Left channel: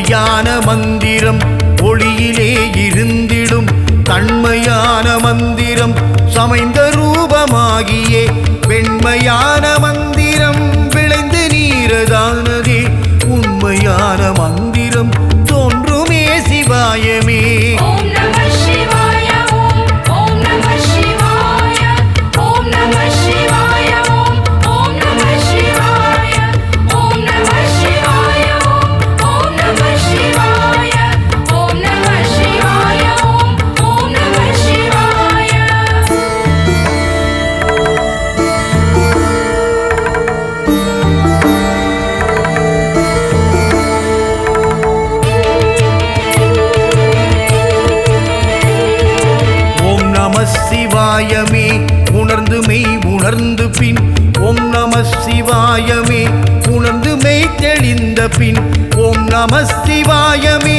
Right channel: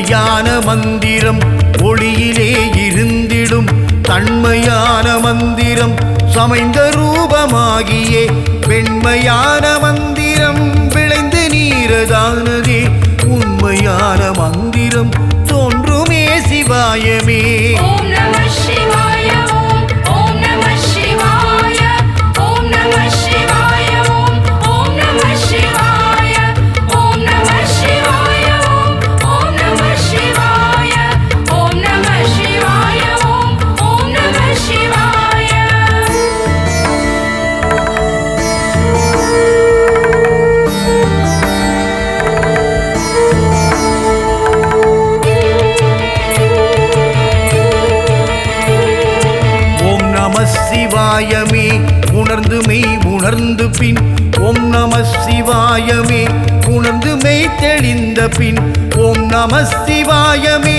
உண்மையான மந்திரம் ஒளியிலே இருந்திடும் தன்மையான மந்திரம் சமைந்த ரூபமாகியே வெண்மையான மந்திரம் விளைந்து நீரதானதே உண்மையான மந்திரம் தோன்றுமே சிவாயமே. ஓம் நம சிவாய ஓம் ஓம் நம சிவாய ஓம் நம சிவாய ஓம் ஓம் நம சிவாய ஓம் நம சிவாய ஓம் ஓம் நம சிவாய ஓம் நம சிவாய ஓம் ஓம் நம சிவாய. ஓம் நம சிவாயமே உணர்ந்து மெய் உணர்ந்து பின் ஓம் நம சிவாயமே உணர்ந்து மெய் தெளிந்த பின் ஓம் நம சிவாயமே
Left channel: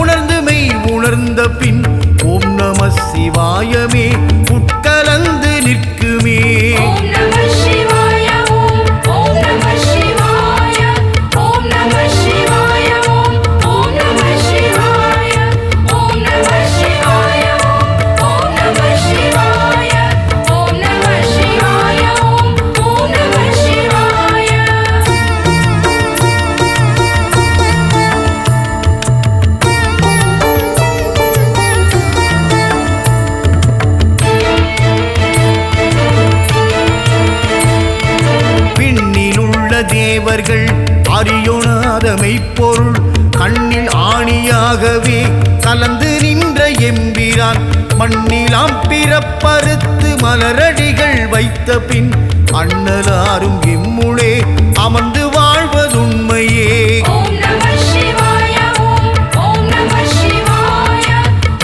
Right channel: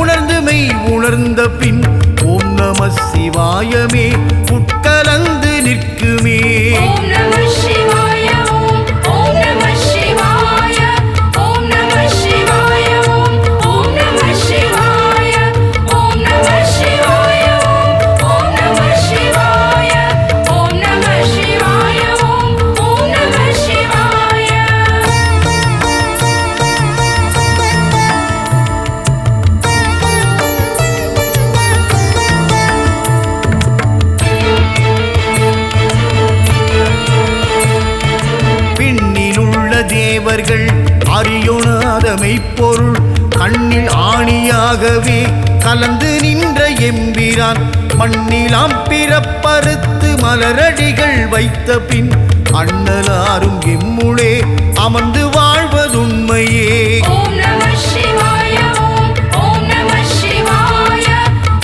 உணர்ந்து மெய் உணர்ந்த பின் ஓம் நம சிவாயமே உட்கலந்து நிற்குமே. ஓம் நம சிவாய ஓம் ஓம் நம சிவாய ஓம் நம சிவாய ஓம் ஓம் நம சிவாய ஓம் நம சிவாய ஓம் நம சிவாய ஓம் நம சிவாய ஓம் ஓம் நம சிவாய. விண்ணிலுள்ள தேவர்கள் அறியொணாத மெய்ப்பொருள் கண்ணில் ஆணியாகவே கலந்து நின்ற எம்பிரான் மண்ணிலாம் பிறப்பறுத்து மலரடிகள் வைத்த பின் அண்ணலாரும் எம்முளே அமர்ந்து வாழ்வதுண்மையே. ஓம் நம சிவாய ஓம் ஓம் நம சிவாய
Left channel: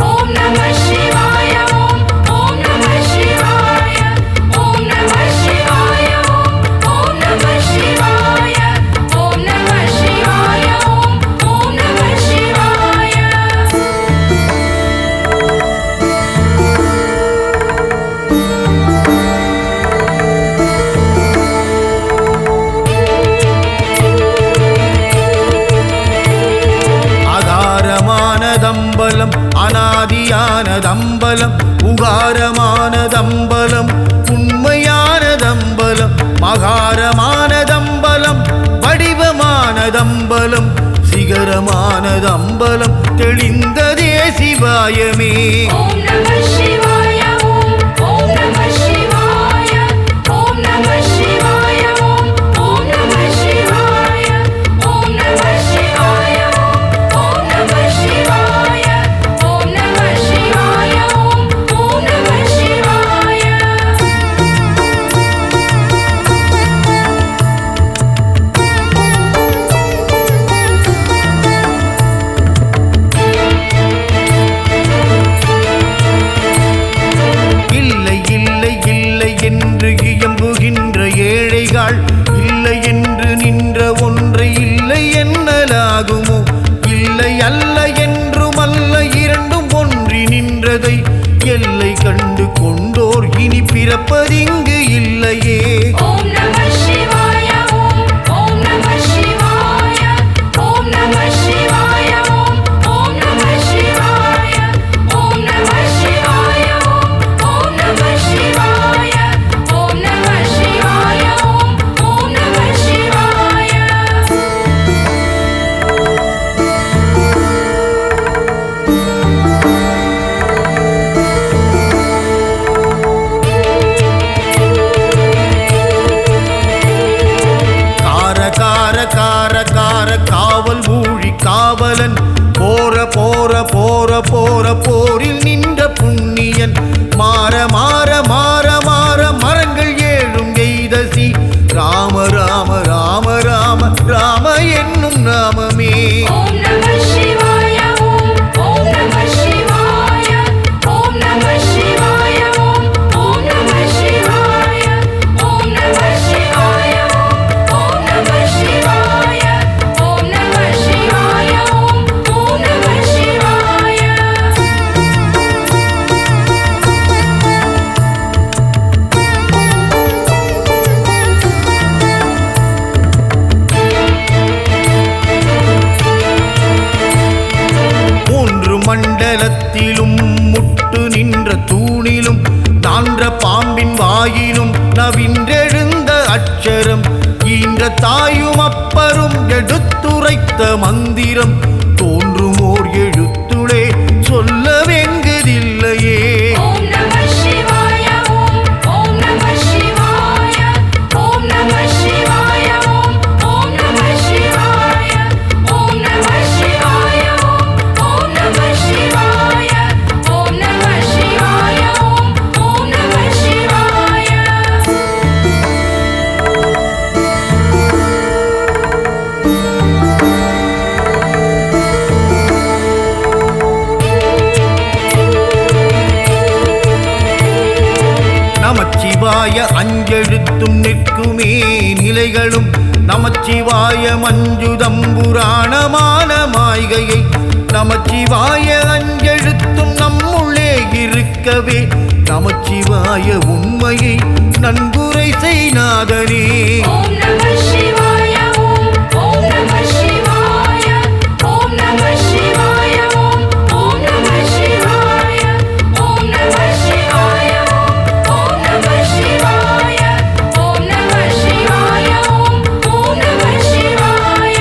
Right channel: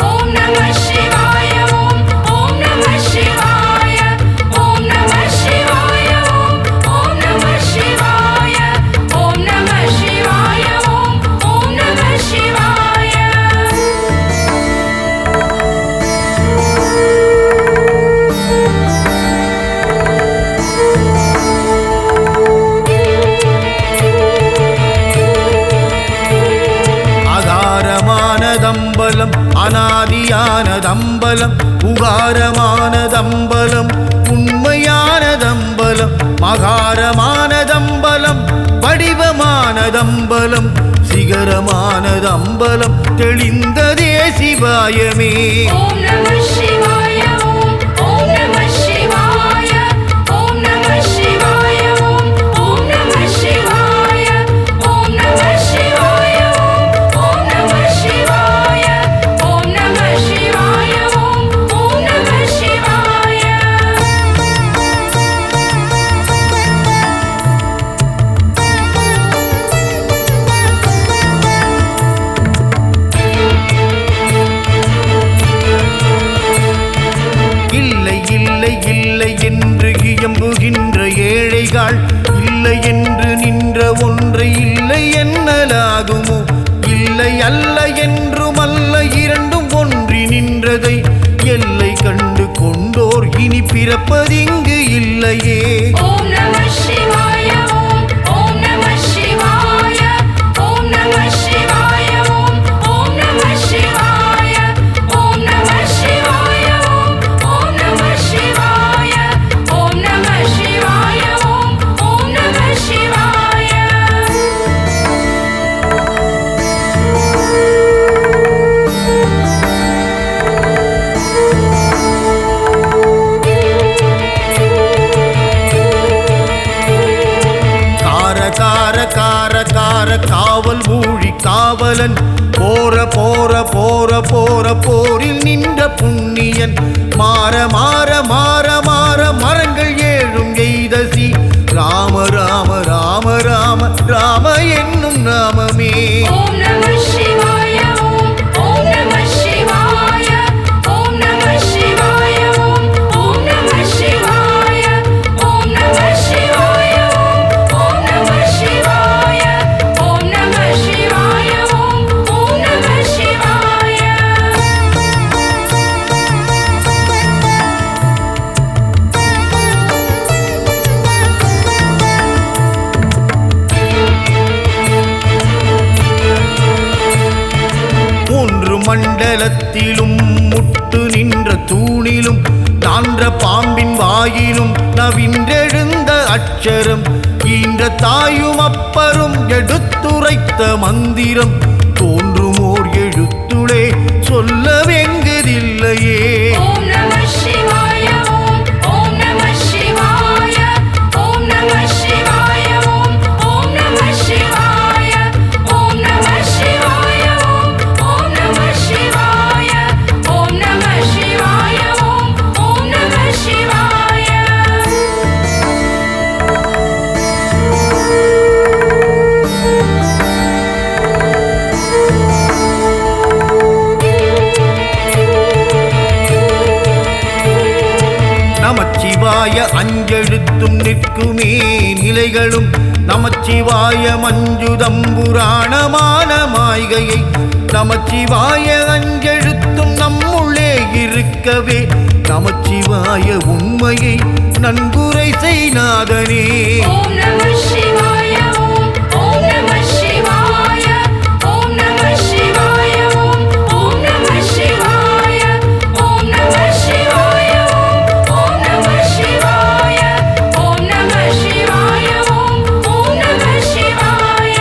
ஓம் நம சிவாய ஓம் ஓம் நம சிவாய ஓம் நம சிவாய ஓம் ஓம் நம சிவாய ஓம் நம சிவாய ஓம் ஓம் நம சிவாய. அகாரமானதம்பலம் அநாதியானதம்பலம் உகாரமானதம்பலம் உண்மையானதம்பலம் மகாரமானதம்பலம் வடிவமானதம்பலம் சிகரமானதம்பலம் தெளிந்ததே சிவாயமே. ஓம் நம சிவாய ஓம் ஓம் நம சிவாய ஓம் நம சிவாய ஓம் ஓம் நம சிவாய ஓம் நம சிவாய ஓம் நம சிவாய ஓம் நம சிவாய ஓம் ஓம் நம சிவாய. இல்லை இல்லை இல்லை என்று இயம்புகின்ற ஏழைகள் இல்லை என்று நின்ற ஒன்றை இல்லை என்னலாகுமோ இல்லை அல்ல என்றும் அல்ல இரண்டும் ஒன்றி நின்றதை எல்லை கண்டு கொண்டோர் இனி பிறப்பதிங்கு இல்லையே. ஓம் நம சிவாய ஓம் ஓம் நம சிவாய ஓம் நம சிவாய ஓம் ஓம் நம சிவாய ஓம் நம சிவாய ஓம் ஓம் நம சிவாய ஓம் நம சிவாய ஓம் ஓம் நம சிவாய. கார கார கார கார காவல் ஊழி காவலன் போற போற போற போற போரில் நின்ற புண்ணியன் மாற மாற மாற மாற மரங்கள் ஏழும் எய்தசி ராம ராம ராம ராம ராம என்னும் நாமமே. ஓம் நம சிவாய ஓம் ஓம் நம சிவாய ஓம் நம சிவாய ஓம் ஓம் நம சிவாய ஓம் நம சிவாய ஓம் நம சிவாய ஓம் நம சிவாய ஓம் ஓம் நம சிவாய. மண்டலத்திலும் முட்டு நின்ற தூணிலும் நான்ற பாம்பின் வாயிலும் நவின்றெழுந்த அட்சரம் ஈன்ற தாயும் அப்பரும் எடுத்துரைத்த மந்திரம் தோன்றுமோர் எழுத்துளே சொல்ல வெங்குதில்லையே. ஓம் நம சிவாய ஓம் ஓம் நம சிவாய ஓம் நம சிவாய ஓம் ஓம் நம சிவாய ஓம் நம சிவாய ஓம் ஓம் நம சிவாய ஓம் நம சிவாய ஓம் ஓம் நம சிவாய. நமச்சிவாய அஞ்செழுத்தும் நிற்குமே நிலைகளும் நமச்சிவாய மஞ்சுதம்புராணமான மாய்கையை நமச்சிவாய அஞ்செழுத்தும் நம்முள்ளே இருக்கவே நமச்சிவாய உண்மையை நன்குரை செய்நாதனே. ஓம் நம சிவாய ஓம் ஓம் நம சிவாய ஓம் நம சிவாய ஓம் ஓம் நம சிவாய ஓம் நம சிவாய ஓம் நம சிவாய ஓம் நம சிவாய ஓம் ஓம் நம சிவாய.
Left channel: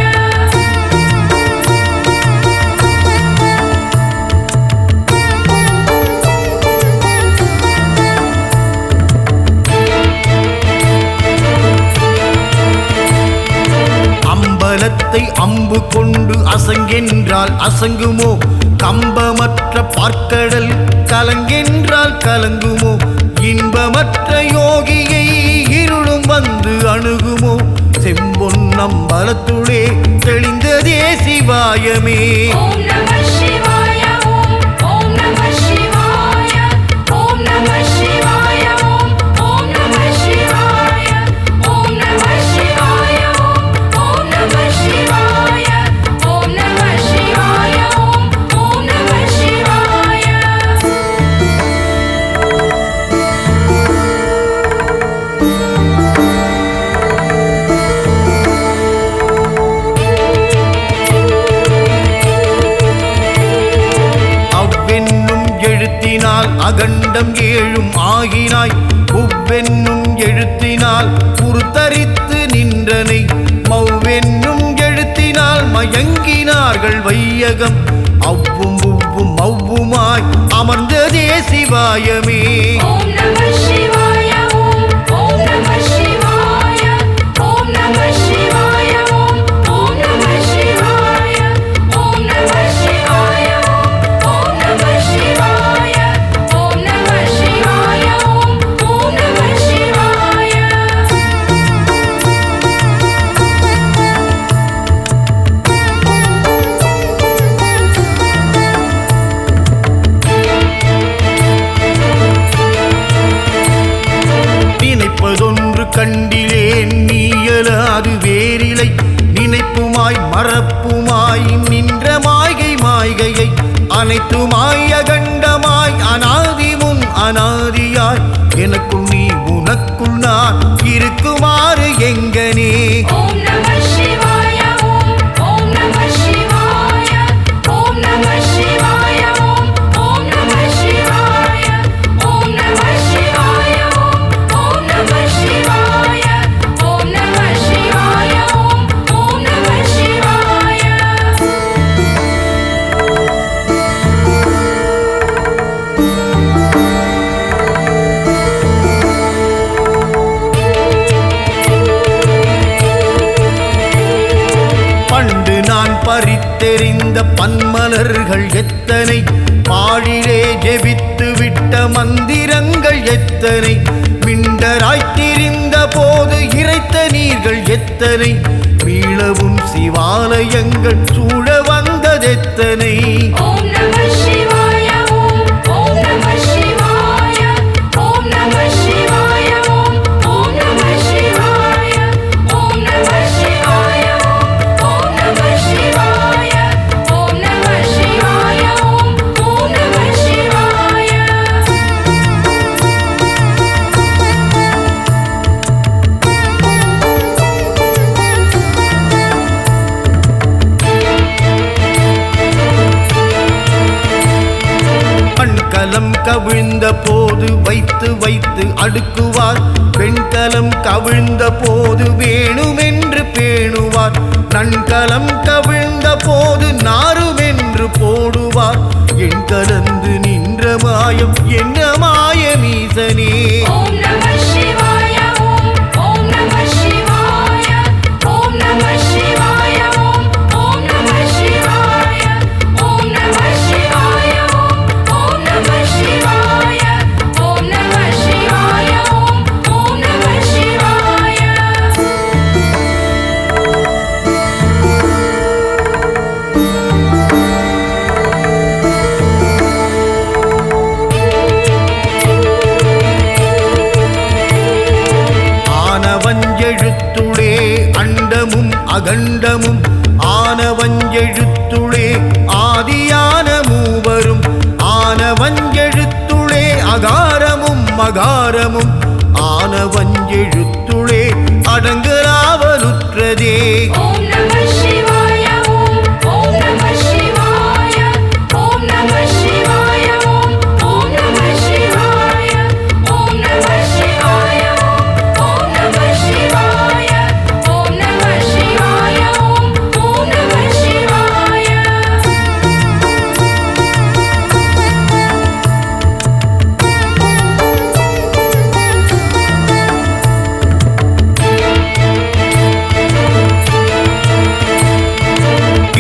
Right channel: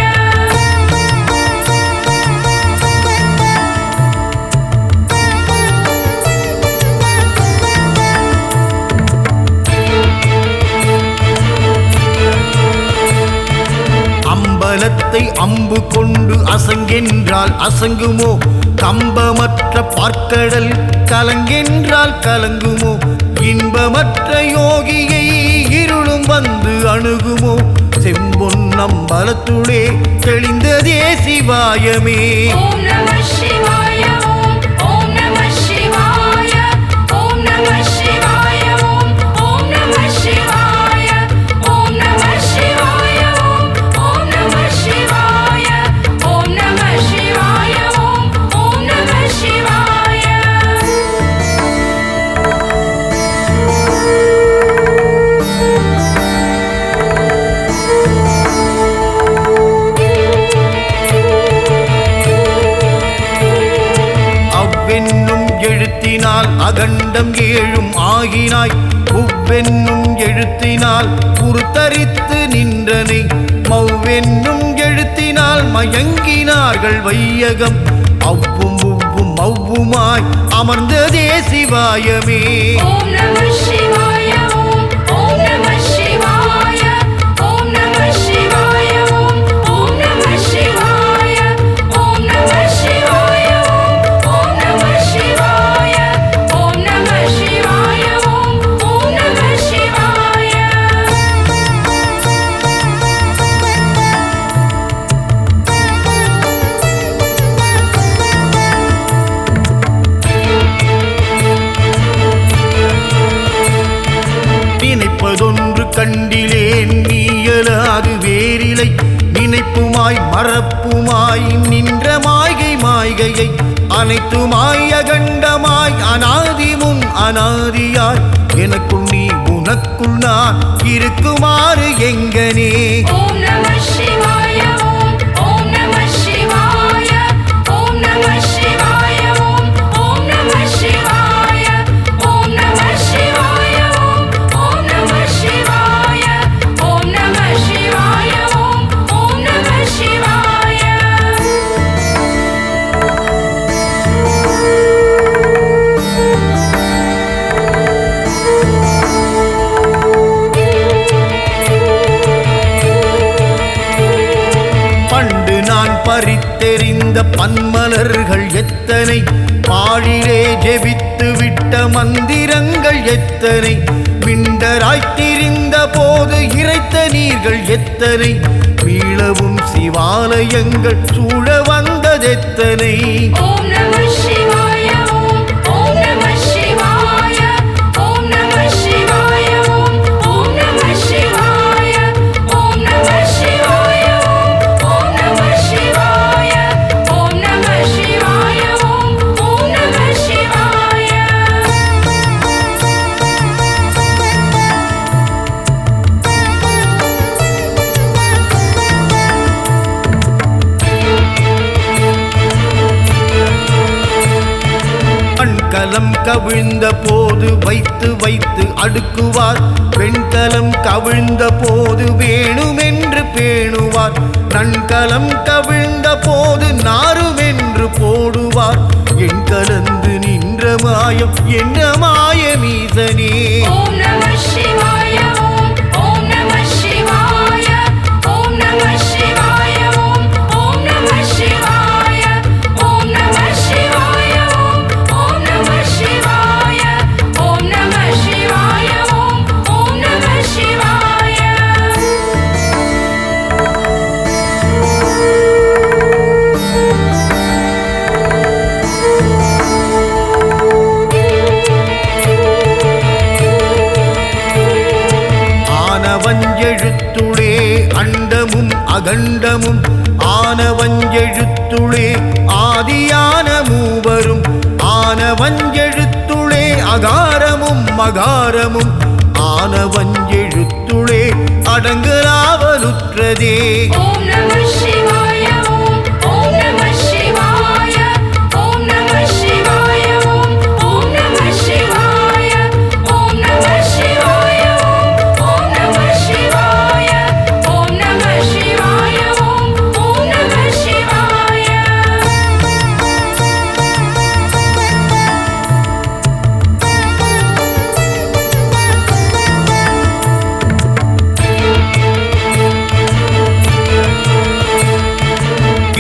அம்பலத்தை அம்பு கொண்டு அசங்கென்றால் அசங்குமோ கம்பமற்ற பார்க்கடல் கலங்கென்றால் கலங்குமோ இன்பமற்ற யோகியை இருளும் வந்து அணுகுமோ செம்பொன்னம்பலத்துளே தெளிந்ததே சிவாயமே. ஓம் நம சிவாய ஓம் ஓம் நம சிவாய ஓம் நம சிவாய ஓம் ஓம் நம சிவாய ஓம் நம சிவாய ஓம் ஓம் நம சிவாய ஓம் நம சிவாய ஓம் ஓம் நம சிவாய. அவ்வென்னும் எழுத்தினால் அகண்டம் ஏழும் ஆகினாய் உவ்வென்னும் எழுத்தினால் புறுத்தரித்து நின்றனை மவ்வென்னும் எழுத்தினால் மயங்கினார்கள் வையகம் அவ்வும் உவ்வும் மவ்வுமாய் அமர்ந்ததே சிவாயமே. ஓம் நம சிவாய ஓம் ஓம் நம சிவாய ஓம் நம சிவாய ஓம் ஓம் நம சிவாய ஓம் நம சிவாய ஓம் நம சிவாய ஓம் நம சிவாய ஓம் ஓம் நம சிவாய. நினைப்பதொன்று கண்டிலேன் நீயலாது வேறிலை நினைப்புமாய் மறப்புமாய் நின்ற மாய்கை மாய்கையை அனைத்துமாய் அகண்டமாய் அனாதி முன் அனாதியாய் எனக்குள் நீ உனக்குள் நான் இருக்குமாறு எங்கனே. ஓம் நம சிவாய ஓம் ஓம் நம சிவாய ஓம் நம சிவாய ஓம் ஓம் நம சிவாய ஓம் நம சிவாய ஓம் ஓம் நம சிவாய ஓம் நம சிவாய ஓம் ஓம் நம சிவாய. பண்டு நான் பறித்தெறிந்த பன்மலர்கள் எத்தனை பாழிலே ஜெபித்து விட்ட மந்திரங்கள் எத்தனை விண்டராய்த்திரிந்த போது இறைத்த நீர்கள் எத்தனை மீளவும் சிவாலயங்கள் சூழ வந்ததெத்தனை. ஓம் நம சிவாய ஓம் ஓம் நம சிவாய ஓம் நம சிவாய ஓம் ஓம் நம சிவாய ஓம் நம சிவாய ஓம் நம சிவாய ஓம் நம சிவாய ஓம் ஓம் நம சிவாய. மண்கலம் கவிழ்ந்த போது வைத்து வைத்து அடுக்குவார். வெண்கலம் கவிழ்ந்த போது வேணுமென்று பேணுவார். நன்கலம் கவிழ்ந்த போது நாருமென்று போடுவார். என் கலந்து நின்ற மாயம் என்ன மாயமீசனே. ஓம் நம சிவாய ஓம் ஓம் நம சிவாய ஓம் நம சிவாய ஓம் ஓம் நம சிவாய ஓம் நம சிவாய ஓம் ஓம் நம சிவாய ஓம் நம சிவாய ஓம் ஓம் நம சிவாய. ஆனவஞ்செழுத்துளே அண்டமும் அகண்டமும் ஆனவஞ்செழுத்துளே ஆதியான மூவரும் ஆனவஞ்செழுத்துளே அகாரமும் மகாரமும் ஆனவஞ்செழுத்துளே அடங்கலாவலுற்றதே. ஓம் நம சிவாய ஓம் ஓம் நம சிவாய ஓம் நம சிவாய ஓம் ஓம் நம சிவாய ஓம் நம சிவாய ஓம் ஓம் நம சிவாய ஓம் நம சிவாய ஓம் ஓம் நம சிவாய.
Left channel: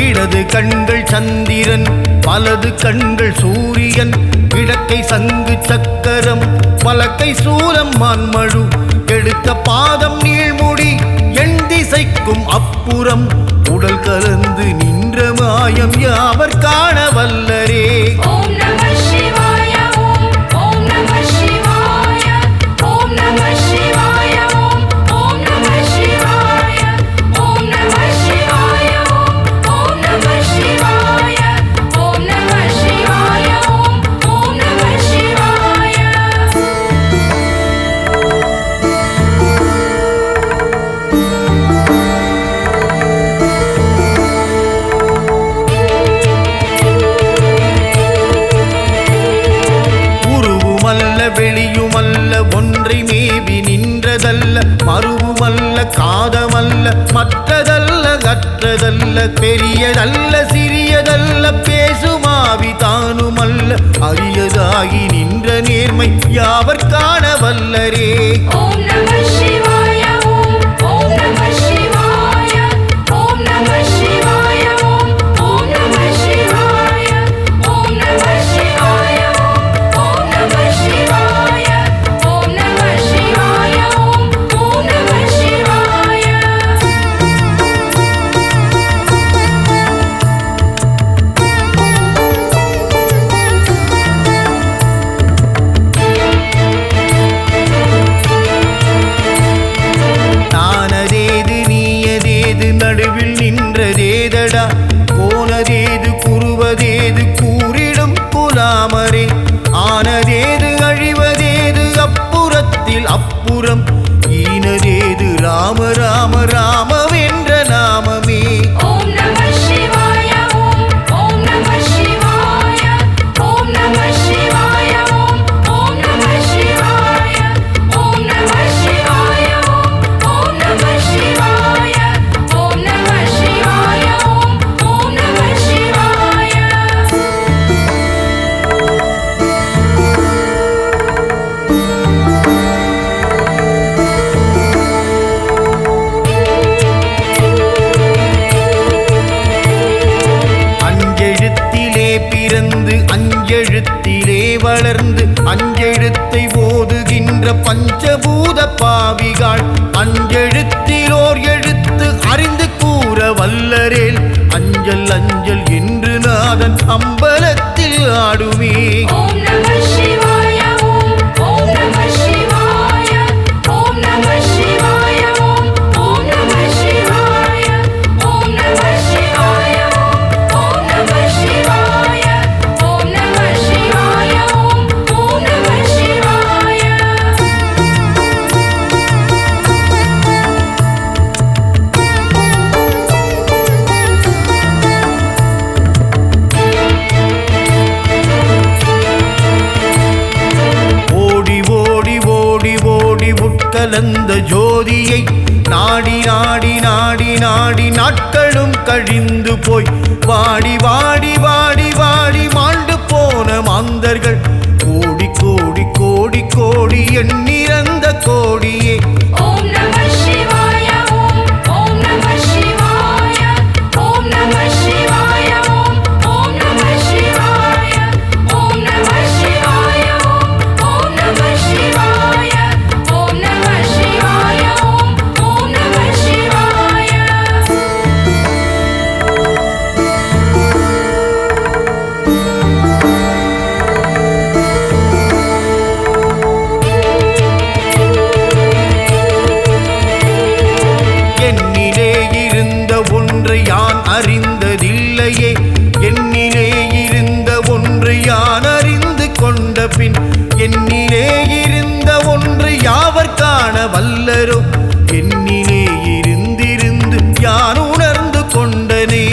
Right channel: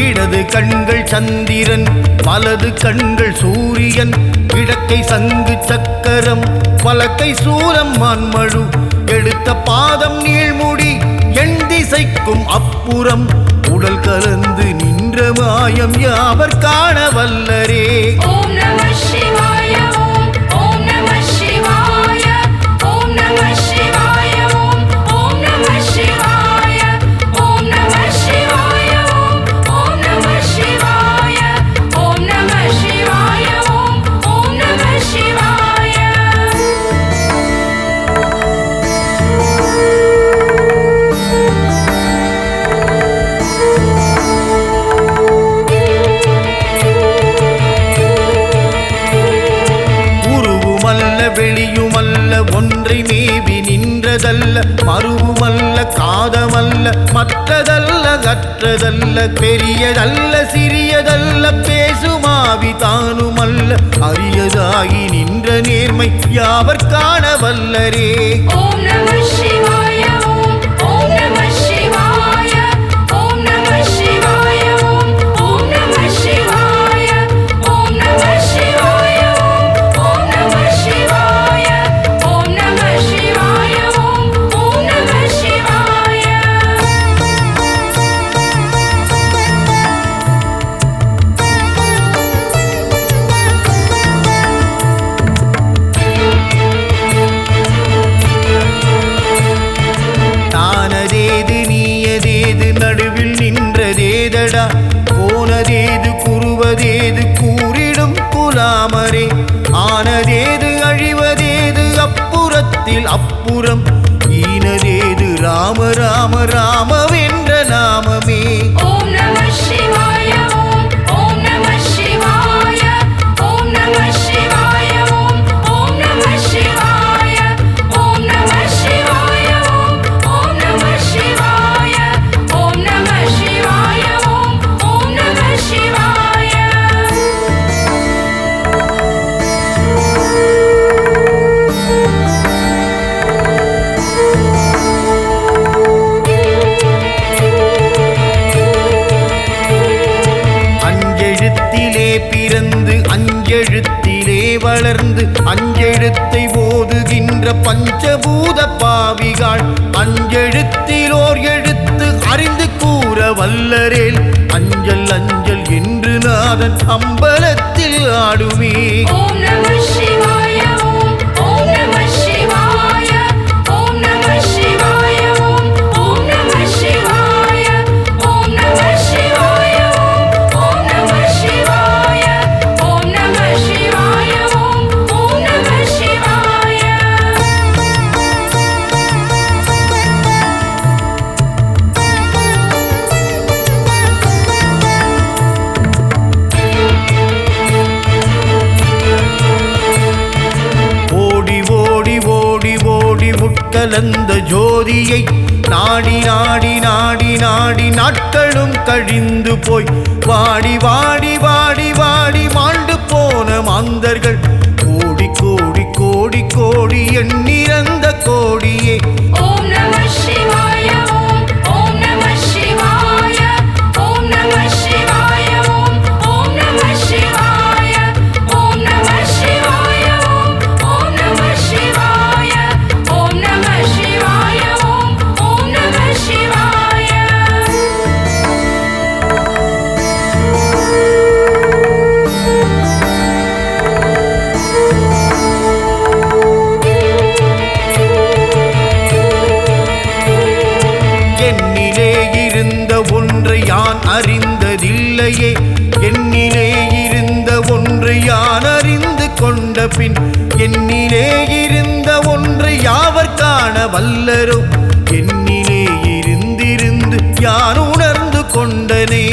இடது கண்கள் சந்திரன் வலது கண்கள் சூரியன் கிழக்கை சங்கு சக்கரம் வலக்கை சூலம் மான்மழு எடுத்த பாதம் நீள்முடி எண் திசைக்கும் அப்புறம் உடல் கலந்து நின்ற மாயம் யாவர் காண வல்லரே. ஓம் நம சிவாய ஓம் ஓம் நம சிவாய ஓம் நம சிவாய ஓம் ஓம் நம சிவாய ஓம் நம சிவாய ஓம் ஓம் நம சிவாய ஓம் நம சிவாய ஓம் ஓம் நம சிவாய. உருவுமல்ல வெளியுமல்ல ஒன்றை மேவி நின்றதல்ல மறுவுமல்ல காதமல்ல மற்றதல்ல கற்றதல்ல பெரியதல்ல சிறியதல்ல பேசுமாவி தானுமல்ல அரியதாகி நின்ற நேர்மை யாவர் காண வல்லரே. ஓம் நம சிவாய ஓம் ஓம் நம சிவாய ஓம் நம சிவாய ஓம் ஓம் நம சிவாய ஓம் நம சிவாய ஓம் ஓம் நம சிவாய ஓம் நம சிவாய ஓம் ஓம் நம சிவாய. நானதேது நீயதேது நடுவில் நின்றதேதடா போனதேது குறுவதேது கூறிடும் குலாமரே. ஆனதேது அழிவதேது அப்புறத்தில் அப்புறம் ஈனதேது ராம ராம ராமவென்ற நாமமே. ஓம் நம சிவாய ஓம் ஓம் நம சிவாய ஓம் நம சிவாய ஓம் ஓம் நம சிவாய ஓம் நம சிவாய ஓம் ஓம் நம சிவாய ஓம் நம சிவாய ஓம் ஓம் நம சிவாய. அஞ்செழுத்திலே பிறந்து அஞ்செழுத்திலே வளர்ந்து அஞ்செழுத்தை ஓதுகின்ற பஞ்சபூத பாவிகள் அஞ்செழுத்திலோர் எழுத்து அறிந்து கூற வல்லரேல் அஞ்சல் அஞ்சல் என்று நாதன் அம்பலத்தில் ஆடுமே. ஓம் நம சிவாய ஓம் ஓம் நம சிவாய ஓம் நம சிவாய ஓம் ஓம் நம சிவாய ஓம் நம சிவாய ஓம் ஓம் நம சிவாய ஓம் நம சிவாய ஓம் ஓம் நம சிவாய. கலந்த ஜோதியை நாடி நாடி நாடி நாடி நாட்களும் கழிந்து போய் வாடி வாடி வாடி வாடி மாண்டு போன மாந்தர்கள் கோடி கோடி கோடி கோடி எண்ணிறந்த கோடியே. ஓம் நம சிவாய ஓம் ஓம் நம சிவாய ஓம் நம சிவாய ஓம் ஓம் நம சிவாய ஓம் நம சிவாய ஓம் ஓம் நம சிவாய ஓம் நம சிவாய ஓம் ஓம் நம சிவாய. என்னிலே இருந்த ஒன்றை யான் அறிந்ததில்லையே, என்னிலே இருந்த ஒன்றை யான் அறிந்து கொண்ட பின் என்னிலே இருந்த ஒன்றை யாவர் காண வல்லரோ, என்னிலே இருந்திருந்து யான் உணர்ந்து கொண்டனே.